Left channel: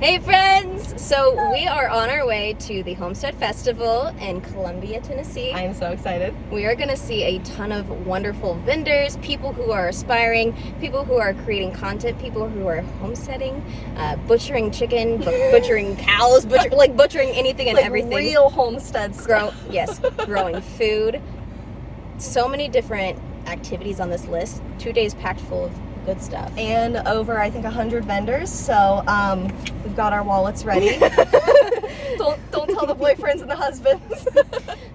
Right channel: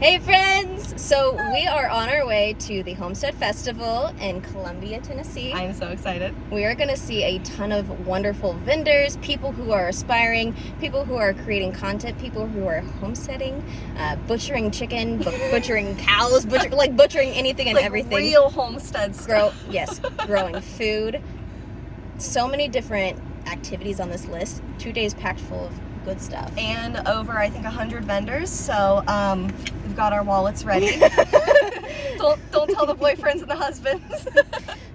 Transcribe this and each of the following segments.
Hey friends! So we are on our way to the Homestead Festival in Colombia, Tennessee. I'm so excited. We are going to see a ton of wonderful vendors, people who are aspiring, people who are creating content, people who are homesteading, butchering chicken, butchering cows, butchering anything and like everything. Real homestead stuff. Growing food. So many different activities on this list. 2 days packed full of good stuff. And over, I think, 100 vendors. So we've got our wallets ready. don't tell the boyfriends and the husbands.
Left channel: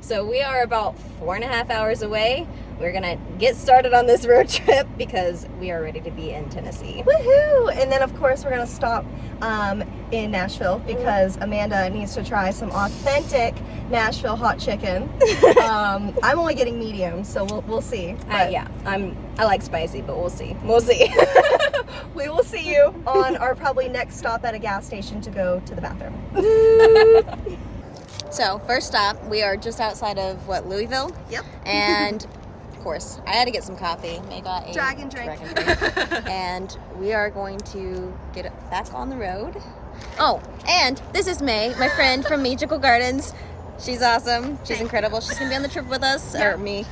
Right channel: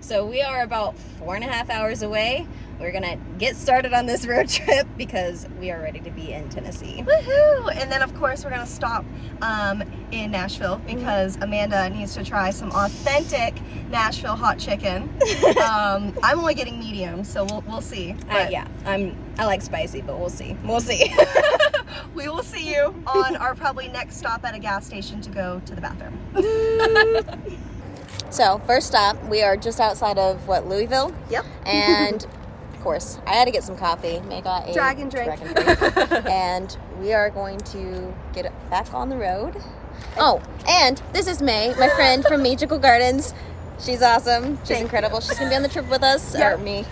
So we are about 4.5 hours away. We're gonna get started on this road trip because we are ready to be in Tennessee. Woohoo! And then, of course, we're gonna stop in Nashville because Amanda needs to try some authentic Nashville hot chicken. I'm only getting medium, so we'll see. Yeah, I like spicy, but we'll see. We'll see. We will see you on our probably next stop at a gas station to go to the bathroom. So first stop, we are just outside of Louisville. Yep. And of course, I had to get some coffee. May got a Dragon drink. And we are going to get back on the road. Oh, and this is May, my friend from Magical Gardens. She's awesome. She's incredible. She's gonna be on the trip with us, or me.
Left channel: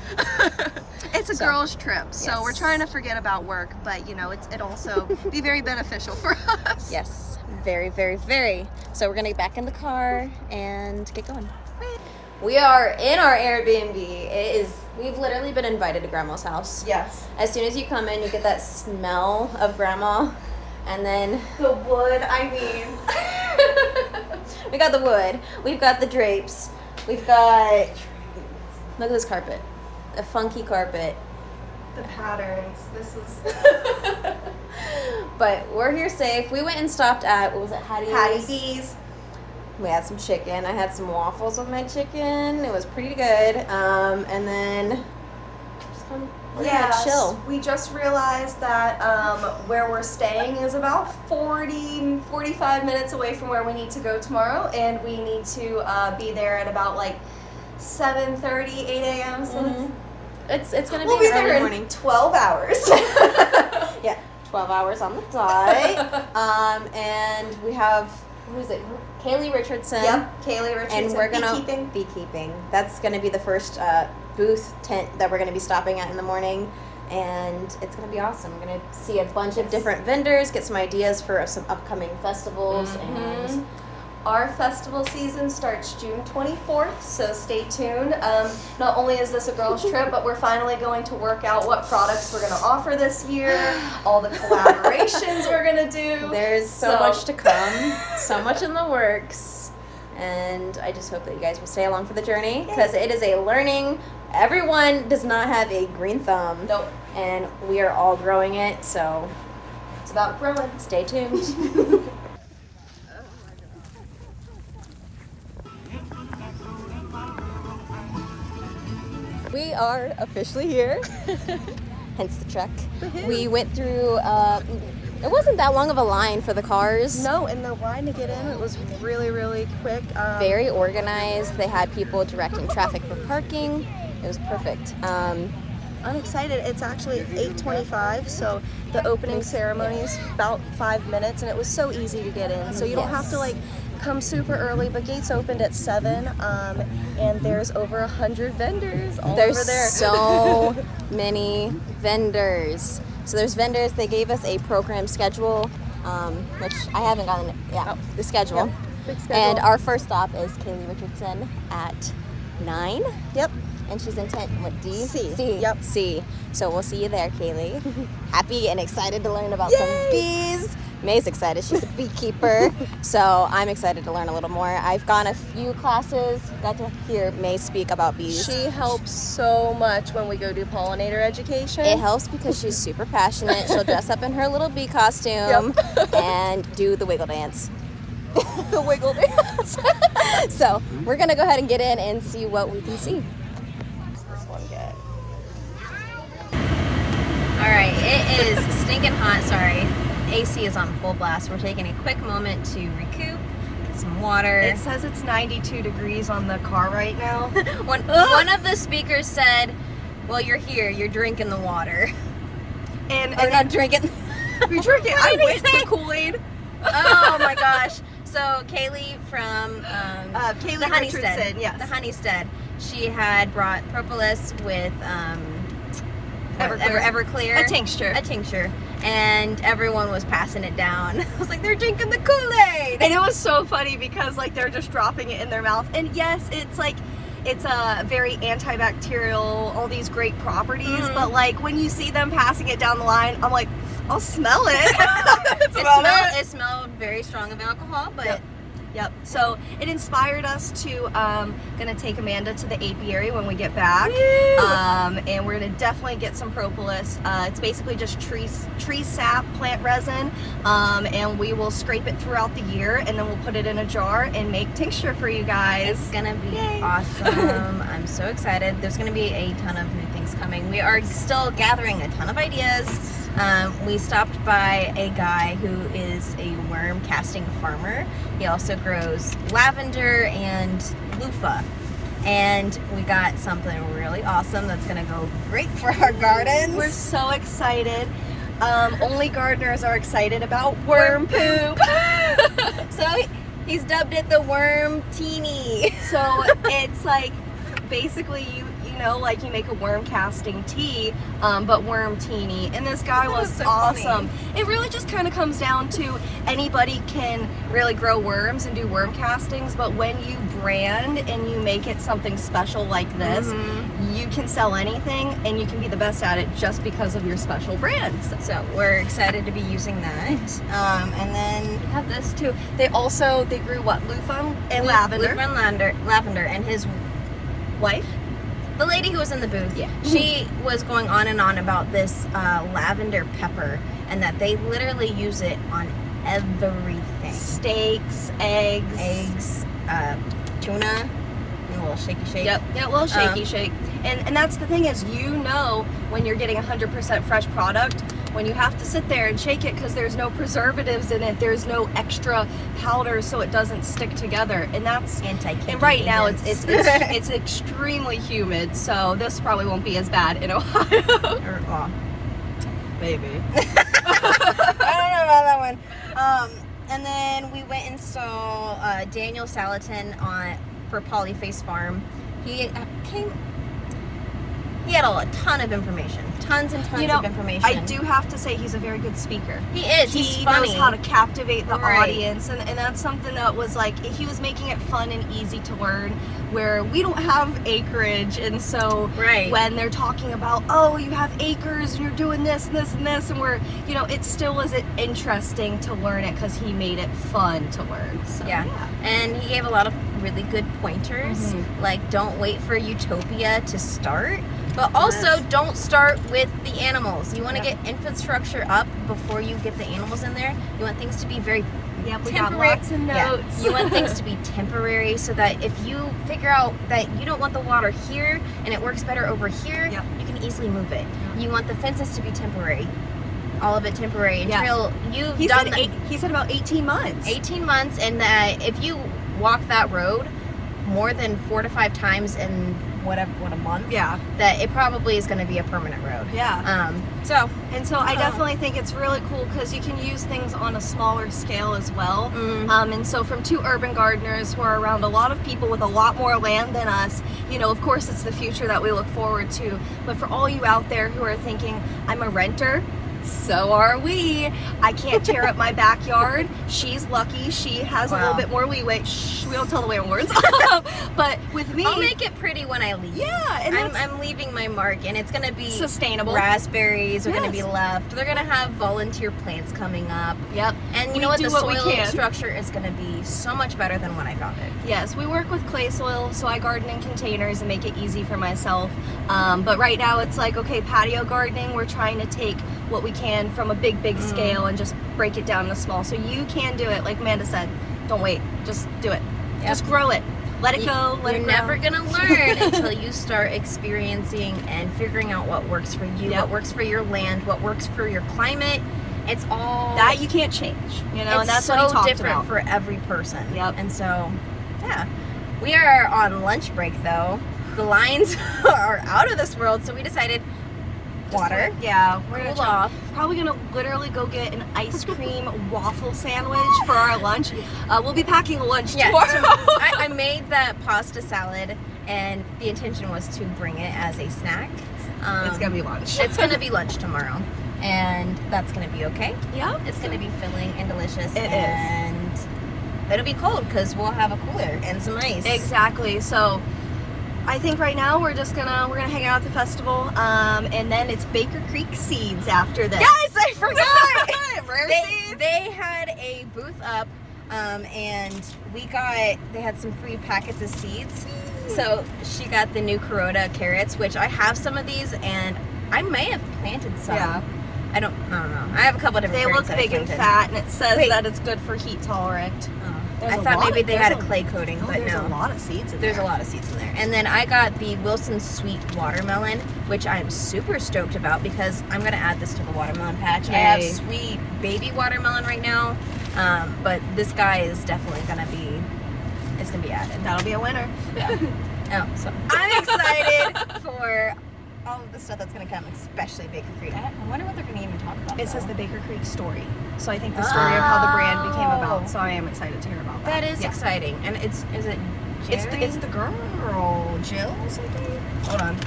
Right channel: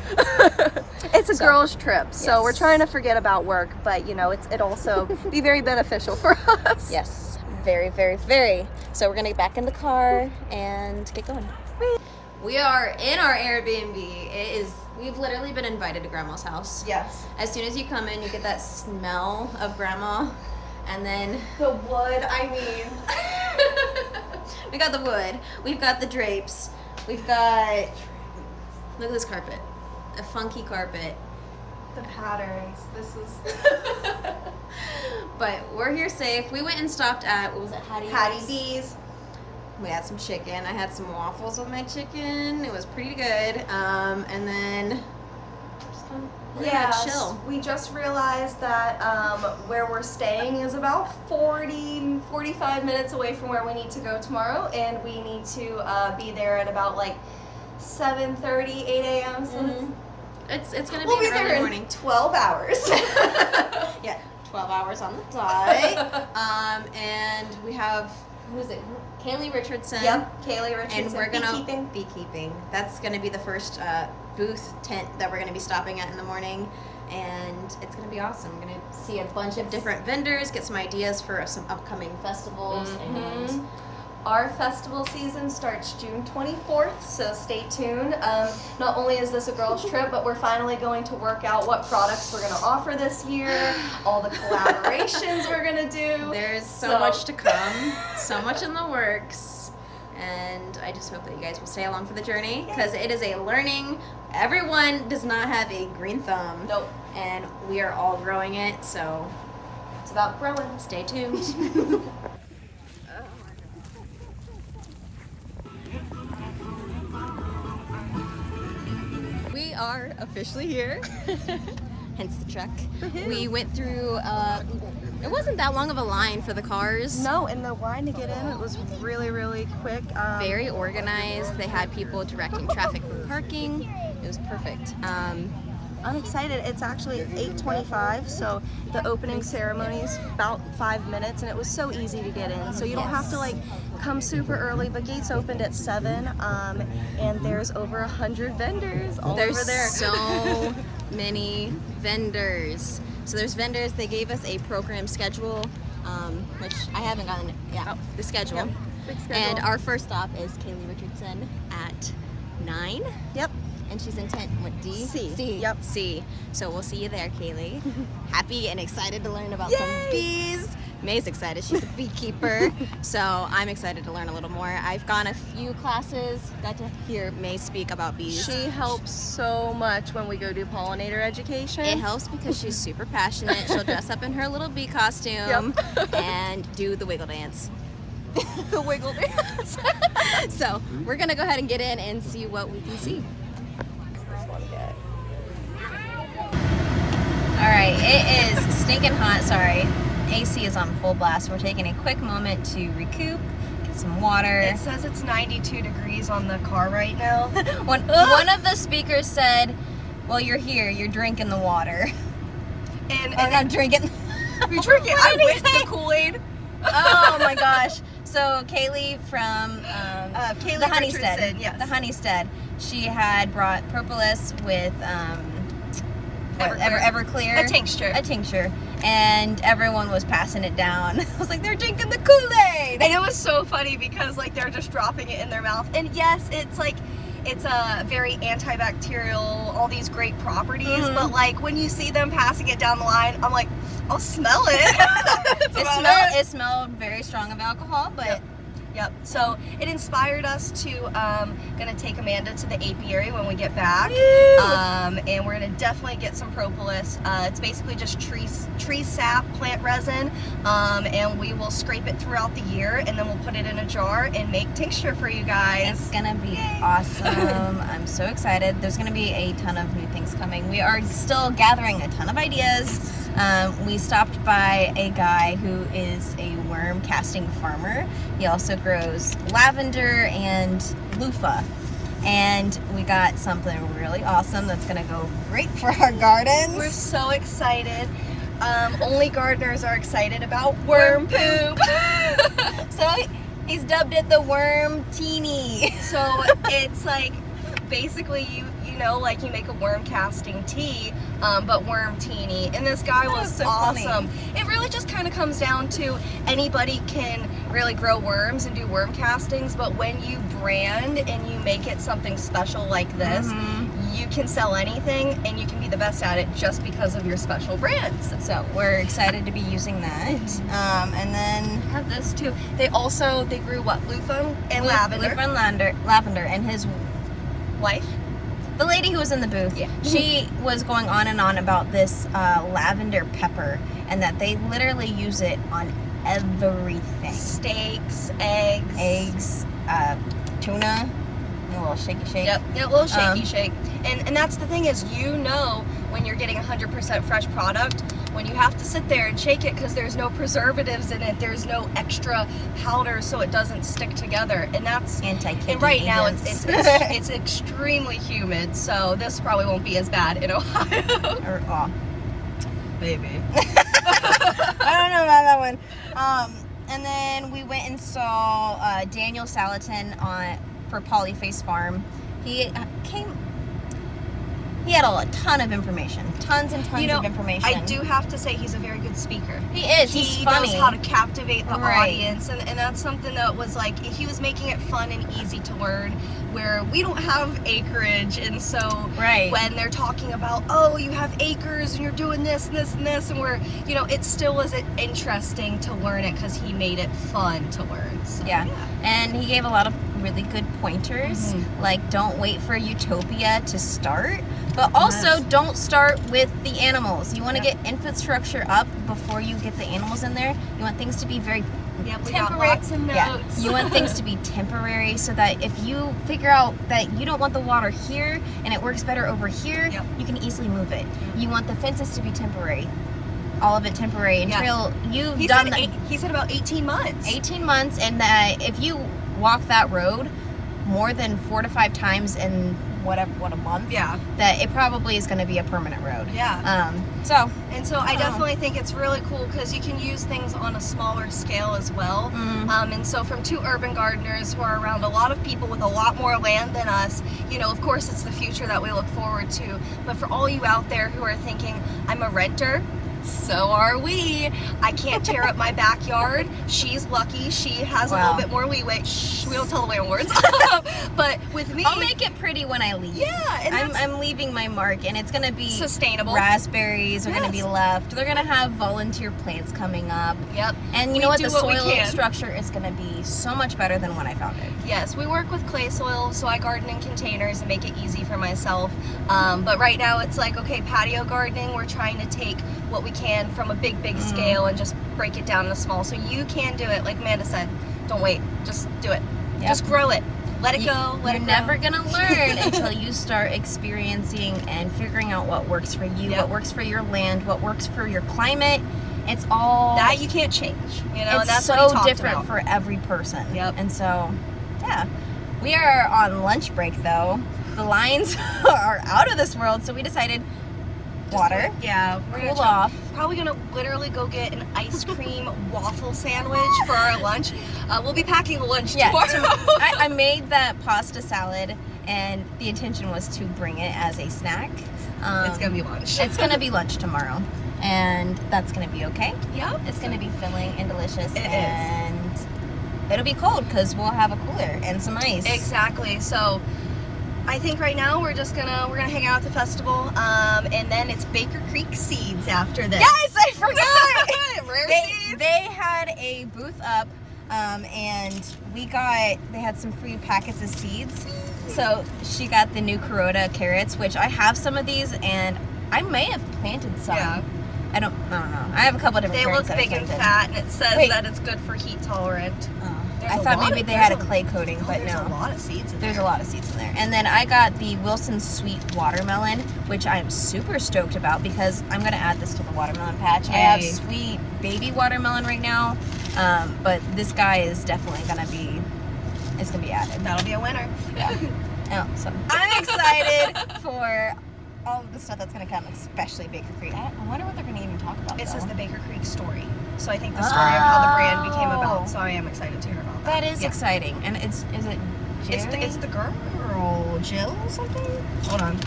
It's a girls' trip, so yes. we're trying to forget about work, but it also be very beneficial for us. Yes, very, very, very. So we're gonna get back in the car and get going. We are in our Airbnb. We've literally been invited to Grandma's house. Yes. As soon as you come in, you get that smell of Grandma, and then The wood, I mean. we got the wood. We've got the drapes. We've got, look at this carpet, a funky carpet. The patterns. This is. But we're here safe. We went and stopped at, what was it, Hattie B's. We had some chicken. I had some waffles with my chicken. It was pretty good. And then we're gonna chill. We just realized that where we're staying is about 45 minutes away from where we need to go tomorrow, and we need to be there at about like 7:30, 8 a.m. So It's gonna we'll be be an early there morning. in 12 hours. Yeah, 12 hours on the dot. And we have, who is it? Kaylee Richardson. Yep, Kaylee Richardson. And we're gonna beekeeping. beekeeping. That's gonna be the first booth tent that we're gonna be stopping at in the morning, and it's gonna be awesome. We're gonna see a bunch of different vendors, get some ideas for some upcoming festivals, and our festival season starts June 24th, so stay tuned. Not only is this a girls' trip, but we're finally going to work out what products we're going to offer this year, all the collaborations we're going to do. there's so much to come, so much in the works, and I just hope that you guys will stay along for the journey because it is a learning. Everyone does not have a green thumb. Nope. And we are all growing it, so It's about growing. stay tuned. We are officially here, hence the truck. We went through, it wasn't that long of a line for the cars. No, and the line to get in, it was really, really quick. Very organized. They had people directing traffic for parking. It was perfect. I'm excited. It's actually 8:25, so the opening ceremony is about 5 minutes, and it was so easy to get in. So you don't have to like come super early. The gates opened at 7, and there's over 100 vendors all over there. There's so many vendors. So there's vendors. They gave us a program schedule, which I haven't gotten. The schedule. Yep. Big schedule. And our first stop is Kaylee Richardson at 9. Yep. And she's in tent, what, D? C. C. Yep. C. So we'll see you there, Kaylee. Happy and excited to learn about some bees. May's excited. She's a beekeeper. So I'm excited to learn a little more. I've gone a few classes, got to hear May speak about bees. She helps so much when we go do pollinator education. It helps because she's super passionate. She'll dress up in her little bee costume and do the wiggle dance. The wiggle dance. So we're going to go ahead and get in and see what we can see. All right, it is stinking hot, sorry. AC is on full blast. We're taking a quick moment to recoup, get some water. It says it's 92 degrees on the car right now. One of the speakers said, well, you're here, you're drinking the water. And Or not drinking. we drink it. I whipped the Kool-Aid. Oh my gosh. So Kaylee from Kaylee the Homestead, Richardson, yes. the Homestead, she had brought propolis with Everclear, A tincture. and everyone was passing it down. I was like, they're drinking the Kool-Aid. And it was so funny because like they're just dropping it in their mouth. And yes, it's like it's a very antibacterial, all these great properties. But like when you see them passing it down the line, I'm like, I'll smell it. It smelled very strong of alcohol, but Yep. So it inspired us to gonna take Amanda to the apiary when we get back, and we're gonna definitely get some propolis. It's basically just tree sap, plant resin, and we will scrape it throughout the year, and then we'll put it in a jar and make tincture for you guys. it's gonna be awesome. I'm so excited. There's gonna be a ton of new things coming. We are still gathering a ton of ideas. We stopped by a guy who is a worm casting farmer. He also grows lavender and loofah. And we got something really awesome that's gonna go great for our gardens. We're so excited. Only gardeners are excited about worm poop. So he's dubbed it the worm teeny. So it's like basically you know, like you make a worm casting tea, but worm teeny. And this guy was so awesome. funny. It really just kind of comes down to anybody can really grow worms and do worm castings, but when you brand and you make it something special like this, you can sell anything and you can be the best at it just because of your special brands. So we're excited to be using that. And then We have this too. They grew what, loofah and lavender. Loofah and lavender, and his Wife? the lady who was in the booth, she was going on and on about this lavender pepper, and that they literally use it on everything. Steaks, eggs. Tuna, a little shaky shake. Yep, a little shaky shake. And that's the thing is, you know, when you're getting 100% fresh product, when you have to sit there and shake it because there's no preservatives in it, there's no extra powder so it doesn't stick together, and that's Anti-cookie and right now agents. it's extremely humid, so this probably won't be as bad in Ohio. Or, Maybe. I don't know about that one. And then we went and saw Daniel Salatin for Polyface Farm. He had a ton of information, tons and tons of information. I do have to say he's a very good speaker. He is. He He's funny. knows how to captivate the Right. audience, and that's something that was like, he was making it fun and easy to learn, where we don't have acreage, and so Right. when they're talking about, oh, you have acres and you're doing this and this and this, and we're, you know, it still was interesting to learn it because he made it fun to learn. So, Yeah. And he gave a lot of really good pointers, like don't wait for utopia to start, but also don't start with the animals. You want to get infrastructure up before you get the animals in there. You want things to be very Yep, we got temporary. lots of notes. You want things to be temporary so that if you figure out that you don't want the water here and it works better over here, you can easily move it. You want the fences to be temporary. All of it temporary until you've done He said about 18 months. 18 months, and if you walk that road more than 4 to 5 times in what a month, that it probably is going to be a permanent road. So I definitely think it's really cool because you can use things on a smaller scale as well. And so from two urban gardeners who are around a lot of people with a lot more land than us, you know, of course it's the future that we look forward to. But for all you out there who are thinking, I'm a renter, so are we. I can't tear up my backyard. She's lucky. She has a little bit more leeway. Shh, we don't tell the landlords. But with me, I'll make it pretty when I leave. and I'm leaving my mark, and it's gonna be sustainable. Raspberries are gonna be left. They're gonna have volunteer plants coming up. And you know what? The soil structure is gonna be so much better than when I found it. Yes, we work with clay soil, so I garden in containers and make it easy for myself. But right now it's like, okay, patio gardening, we're trying to take what we can from a big scale and just break it down to small. So you can do it, like Amanda said. Don't wait, just do it. Just grow it. Let it go, let it grow. You're never gonna learn until you start experiencing and figuring out what works for you, what works for your land, what works for your climate. It's all that you can't change, you know, and that's so what he talked different about. for every person. And so, we are on lunch break though. The lines are out of this world, so we decided water. Yeah, we're Cool gonna off. probably gonna literally go get an ice cream waffle sandwich for our lunch. We'll be packing lunch tomorrow. I made that pasta salad, and the intention was to bring it as a snack. It's gonna be lunch. It's gonna be lunch tomorrow, and that's gonna be okay. Yeah, It's gonna be filling and delicious. It is. And it'll be cold because we'll have a cooler and some ice. Exactly. So I think right now we're gonna hang out at the festival, and then it's Baker Creek Seeds after this. Yes, I forgot. Rare seeds. They had a booth up, and they had some free packets of seeds. So she got the new Carota carrots, which I have some of these, and I may have planted some. Yeah. I don't know. I have a couple different They carrots look that I big and planted. fat, and it says Wait. that it's good for heat tolerant. There's I a thought lot maybe of- they there's had a clay coating, but there's no. a lot of seeds in There's there. a lot of seeds in there. And then I got the Wilson Sweet Watermelon, which I'm super stoked about because I'm going to add this to the watermelon patch. I have Yay. sweet baby watermelon right now, but this guy is definitely going to be, it's going to be added. That'll be a winner. Oh, so I'm excited for all of the stuff that's going to come, especially Baker Creek. I wonder what they're going to even talk about. It says though. the Baker Creek story. So I think the story of how the brand became about. So I am excited to hear about that. That is Yeah. exciting. And is it Jerry? It's the girl, Jill or something? Hold on.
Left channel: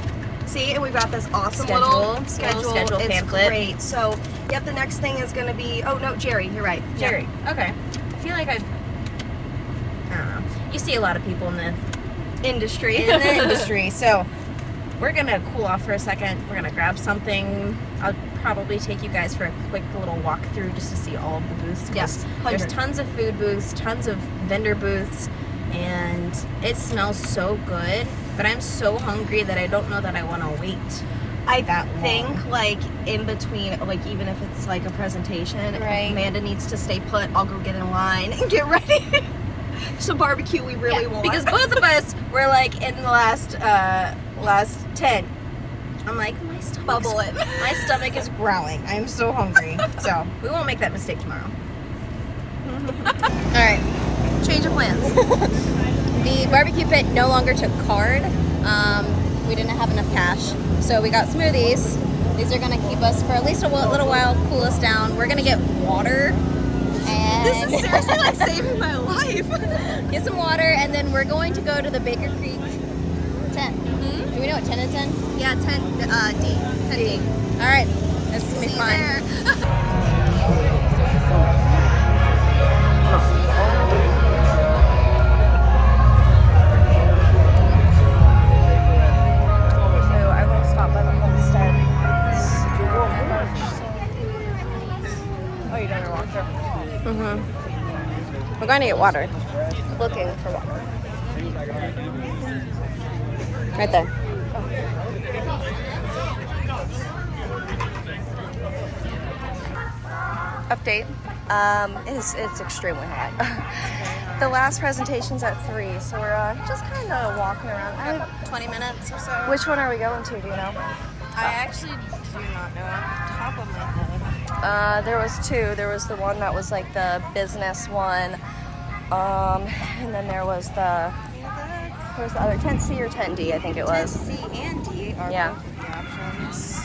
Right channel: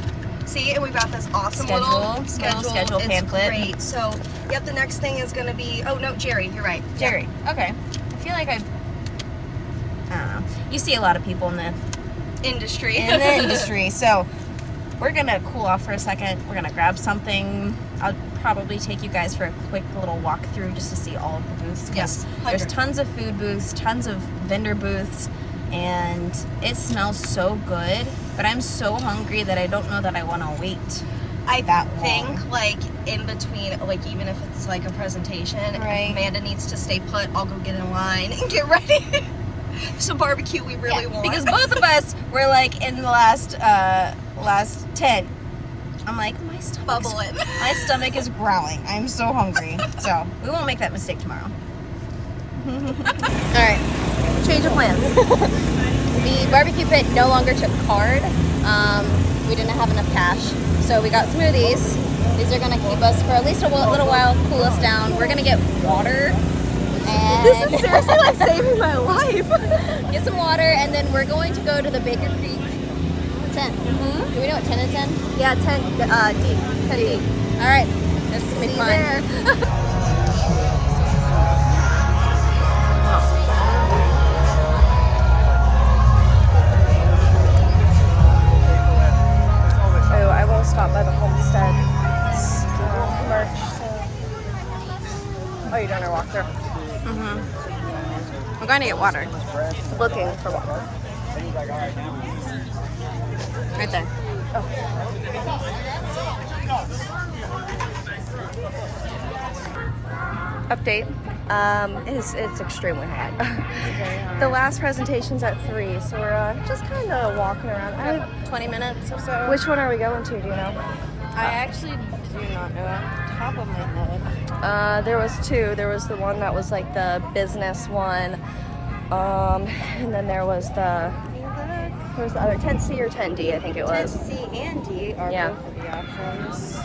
See, and we've got this awesome little schedule. Schedule It's pamphlet. great. So, yep, the next thing is going to be, oh no, Jerry, you're right. Yeah. Jerry. Okay. I feel like I don't know. You see a lot of people in the Industry. industry, so we're gonna cool off for a second. We're gonna grab something. I'll probably take you guys for a quick little walk through just to see all of the booths. 'Cause Yes, there's 100. tons of food booths, tons of vendor booths, and it smells so good. But I'm so hungry that I don't know that I want to wait. I that think long. like in between, like even if it's like a presentation, Right. if Amanda needs to stay put, I'll go get in line and get ready. Some barbecue we really want. Because both of us were like in the last tent. I'm like, my stomach's Bubbling. My stomach is growling. I'm so hungry. So we won't make that mistake tomorrow. All right. Change of plans. The barbecue pit no longer took card. We didn't have enough cash, so we got smoothies. These are gonna keep us for at least a little while, cool us down. We're gonna get water. And This is seriously like saving my life. get some water, and then we're going to go to the Baker Creek tent. Mm-hmm. Do we know what tent it's in? Yeah, 10 D. 10 D. All right, this is gonna be See you fun. there. Oh, I will stop by the Homestead merch. Oh, you're doing a walkthrough? We're going to get water. Looking for water. Right there. Update. It's extremely hot. The last presentation's at 3, so we're just kind of walking around. 20 minutes or so. Which one are we going to? Do you know? I actually do not know off the top of my head. There was 2. There was the one that was like the business one, and then there was the other 10C or 10D, I think it was. C and D are Yeah. both of the options.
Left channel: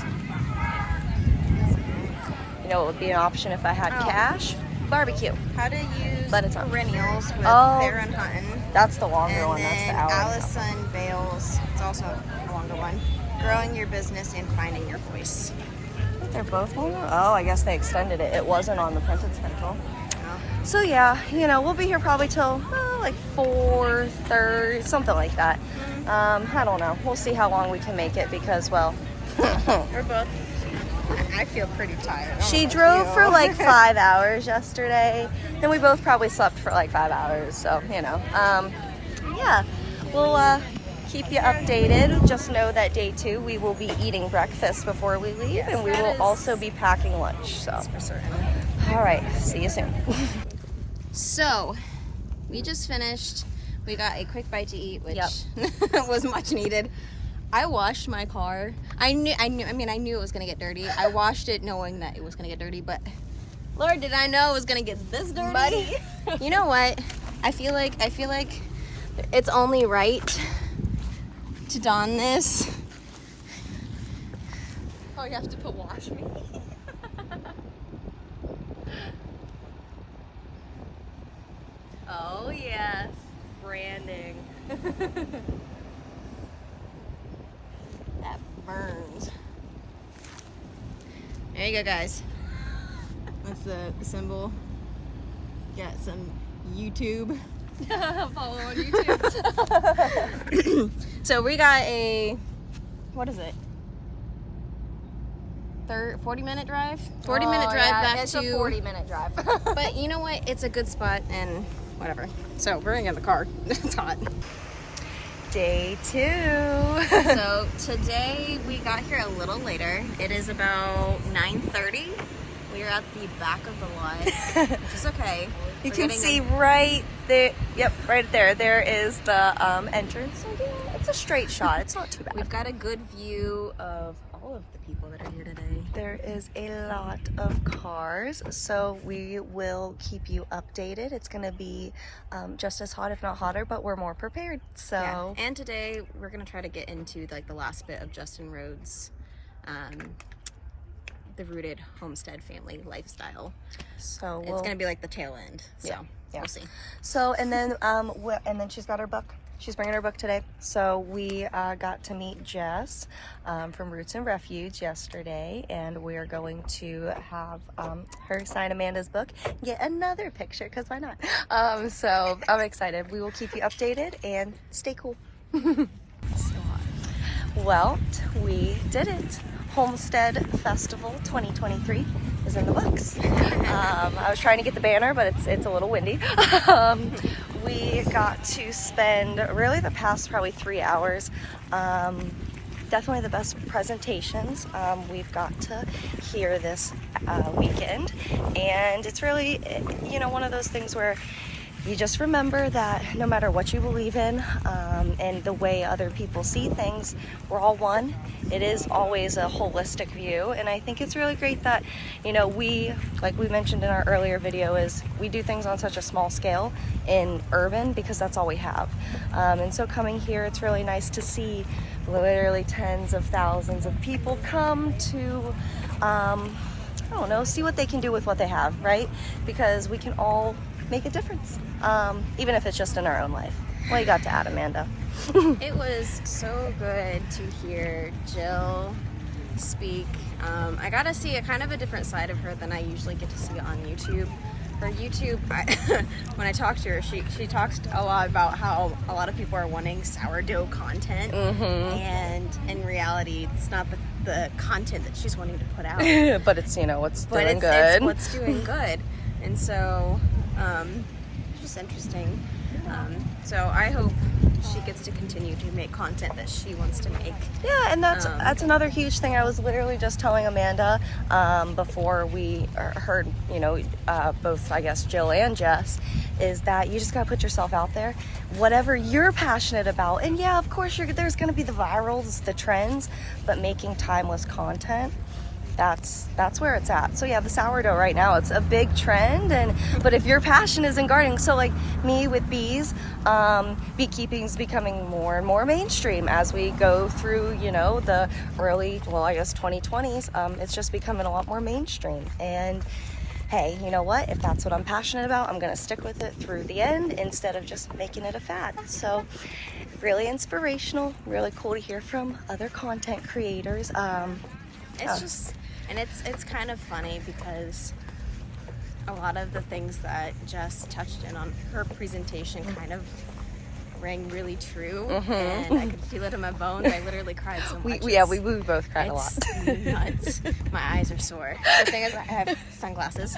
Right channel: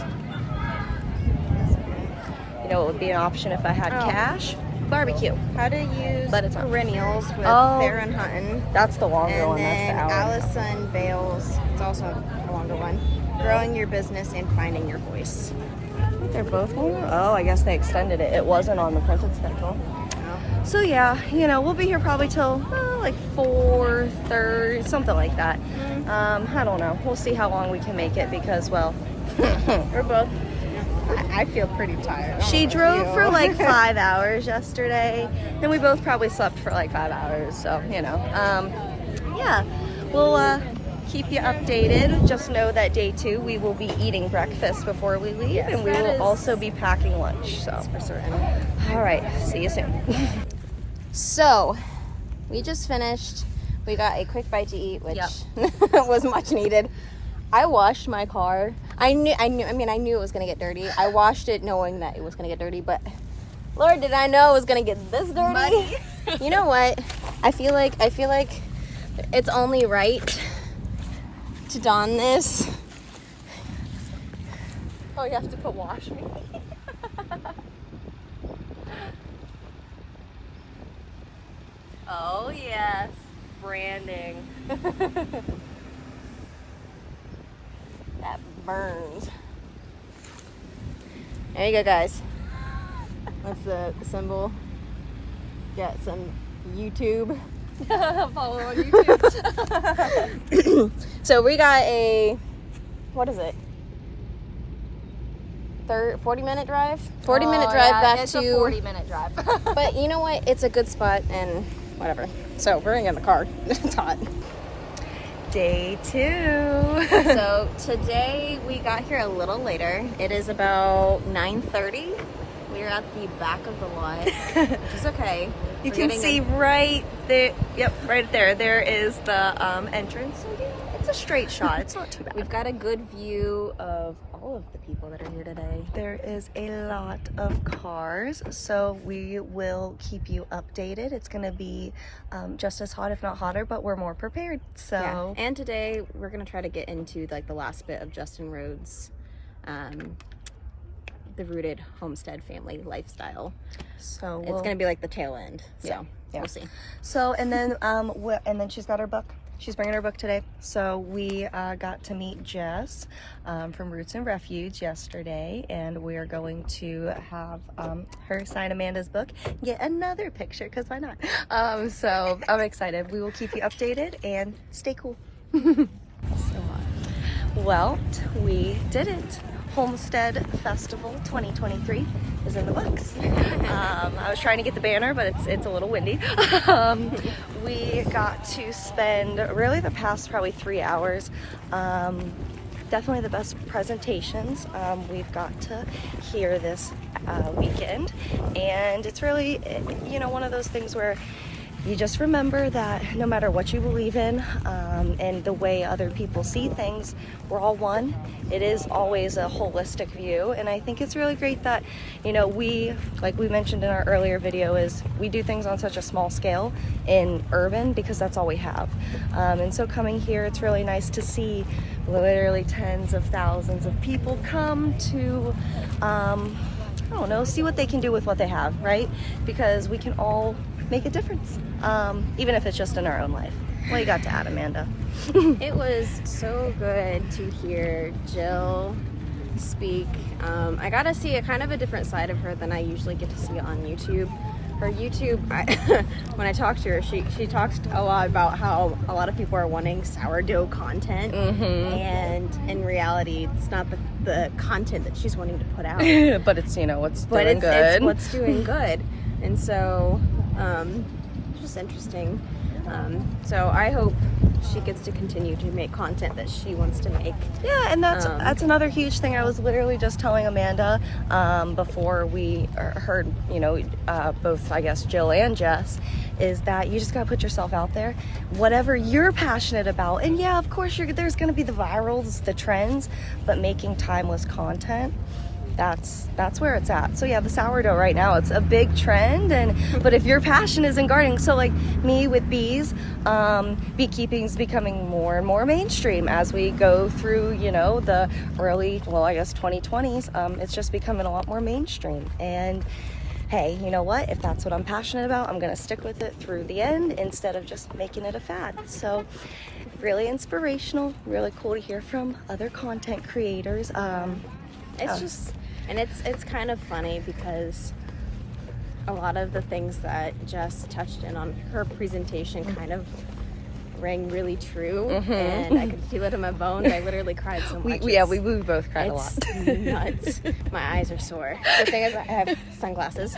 You know what would be an option if I had Oh. cash? Barbecue. How to use But it's not. perennials with Oh. Farron Hutton. That's the longer And one. That's the then hour. Allison Bales. It's also a longer one. Growing your business and finding your voice. I think they're both longer. Oh, I guess they extended it. It wasn't on the printed schedule. Oh. So yeah, we'll be here probably till like 4:30, something like that. I don't know. We'll see how long we can make it because, well, we're both. I feel pretty tired. I don't She know drove about for you. like 5 hours yesterday, and we both probably slept for like 5 hours. So yeah, we'll keep you updated. Just know that day 2 we will be eating breakfast before we leave, Yes, and we that will is- also be packing lunch. So for certain. all right, see you soon. So, we just finished. We got a quick bite to eat, which Yep. was much needed. I washed my car. I knew it was gonna get dirty. I washed it knowing that it was gonna get dirty, but Lord, did I know it was gonna get this dirty? You know what? I feel like it's only right to don this Oh, you have to put wash me. Oh yes, branding. That burns. There you go, guys. That's the symbol. Got some YouTube. Follow on YouTube. So we got a, what is it? 40-minute drive? 40-minute drive back it's to. a 40-minute drive. But you know what? It's a good spot and whatever. So we're gonna get in the car. It's hot. Day 2. So today we got here a little later. It is about 9:30. We're at the back of the lot, which is okay. You We're can getting see right there. Yep, right there. There is the entrance. So yeah, it's a straight shot. It's not too bad. We've got a good view of all of the people that are here today. There is a lot of cars, so we will keep you updated. It's going to be just as hot, if not hotter, but we're more prepared. So Yeah. And today we're gonna try to get into like the last bit of Justin Rhodes' the rooted homestead family lifestyle. So It's gonna be like the tail end. So Yeah. we'll see. So and then she's got her book. She's bringing her book today. So we got to meet Jess from Roots and Refuge yesterday, and we are going to have her sign Amanda's book, get another picture, because why not? So I'm excited. We will keep you updated and stay cool. So hot. Well, we did it. Homestead Festival 2023 is in the books. I was trying to get the banner, but it's a little windy. We got to spend really the past probably 3 hours. Definitely the best presentations we've got to hear this weekend. And it's really, you know, one of those things where you just remember that no matter what you believe in and the way other people see things, we're all one. It is always a holistic view, and I think it's really great that, you know, like we mentioned in our earlier video, is we do things on such a small scale in urban because that's all we have. And so coming here, it's really nice to see literally tens of thousands of people come to I don't know, see what they can do with what they have, right? Because we can all make a difference, even if it's just in our own life. What you got to add, Amanda? It was so good to hear Jill speak. I got to see a kind of a different side of her than I usually get to see on YouTube. Her YouTube, when I talked to her, she talks a lot about how a lot of people are wanting sourdough content, and in reality, it's not the content that she's wanting to put out. But it's, you know, what's doing it's good. It's what's doing good. And so, it's just interesting. So I hope she gets to continue to make content that she wants to make. Yeah, and that's another huge thing. I was literally just telling Amanda before we heard, you know, both, I guess, Jill and Jess, is that you just gotta put yourself out there, whatever you're passionate about. And yeah, of course, there's gonna be the virals, the trends, but making timeless content, that's where it's at. So yeah, the sourdough right now, it's a big trend, but if your passion is in gardening, so like me with bees, beekeeping's becoming more and more mainstream as we go through, you know, the early, well, I guess 2020s. It's just becoming a lot more mainstream. And hey, you know what? If that's what I'm passionate about, I'm gonna stick with it through the end instead of just making it a fad. So really inspirational, really cool to hear from other content creators. And it's kind of funny because a lot of the things that Jess touched in on her presentation kind of rang really true, and I could feel it in my bones. I literally cried so much. We both cried a lot. Nuts. My eyes are sore. The thing is, I have sunglasses.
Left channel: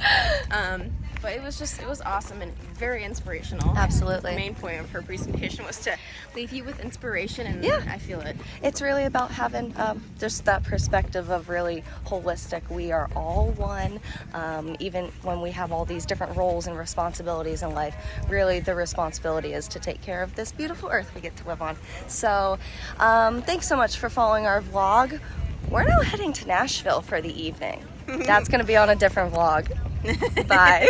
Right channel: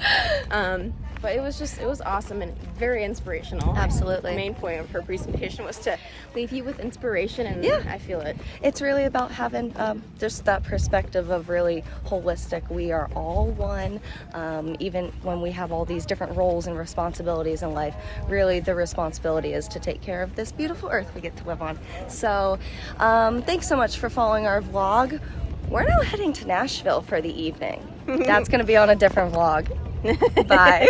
But it was awesome and very inspirational. Absolutely. The main point of her presentation was to leave you with inspiration, and yeah, I feel it. It's really about having just that perspective of really holistic. We are all one, even when we have all these different roles and responsibilities in life. Really, the responsibility is to take care of this beautiful earth we get to live on. So thanks so much for following our vlog. We're now heading to Nashville for the evening. That's going to be on a different vlog. Bye.